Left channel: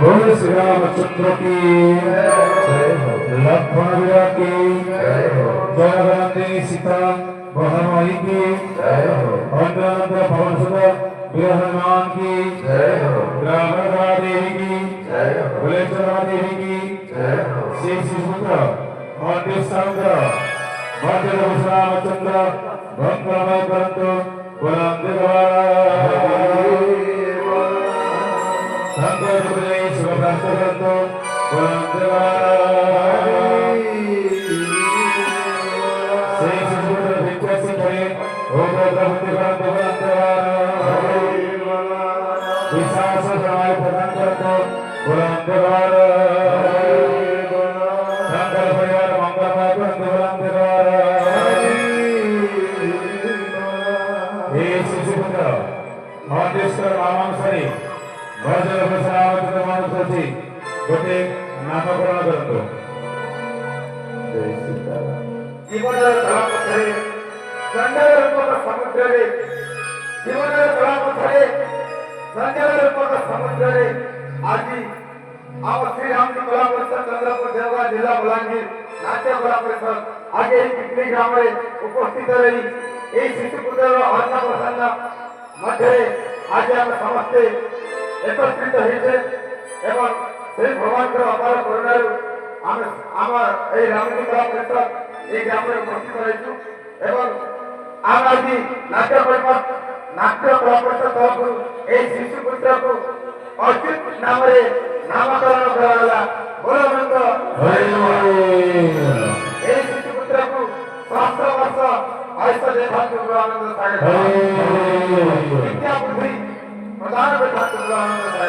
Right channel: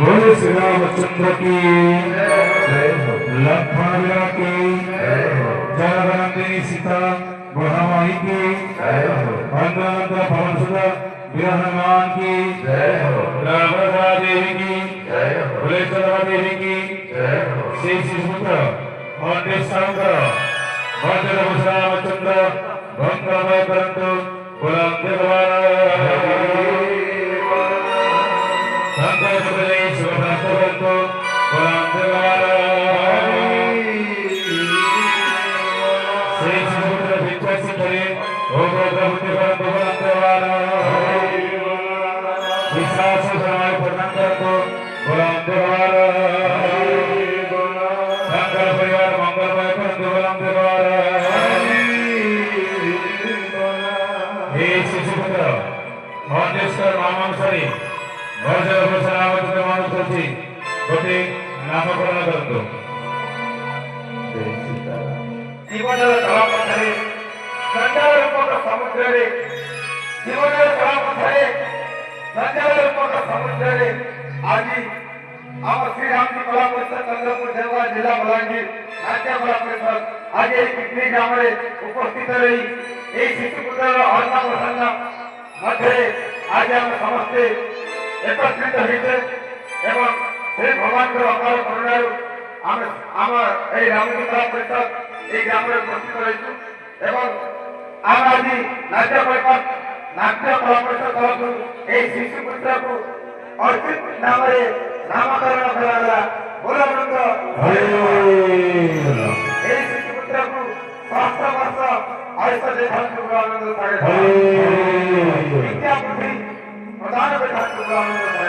बोलो श्री रामचंद्र की लक्ष्मण की जगदम्बे सीता महामाई की अंगनंद पवन सुत हनुमान की रामदा देवी की बुलेश्वरा देवी की श्री शिशुपुत्र मांडेश्वर मांडल रामचंद्र मंगलमय करंतु गोटे नामकरण करतो जीवन कला पथरे गंडर रूपक समुद्र रे जीवन कला पथरे गंडर रूपक समुद्र रे आज आम श्री राम जी कला परिषद चंद्रपुर देवगढ़ जिला बलांगीर नाट्य कला परिषद आज यही पिकनिक ग्राम रे उपस्थित रही यही शिशुपुत्र अन्न प्रसंग मध्य आज आम समस्ते एकत्रित होते एवं श्री भगवान को अपार करुणारू आम रामजी कला परिषद ये ग्राम में उपस्थित रही एवं आम आज नाट्य कला परिषद तरफ यही शिशुपुत्र को अर्चित नाम नामकरण कराला बोला यही शिशुपुत्र को सहस्र वर्ष आयुष देखा आनंद विद्या बुद्धि प्रदान देखा आनंद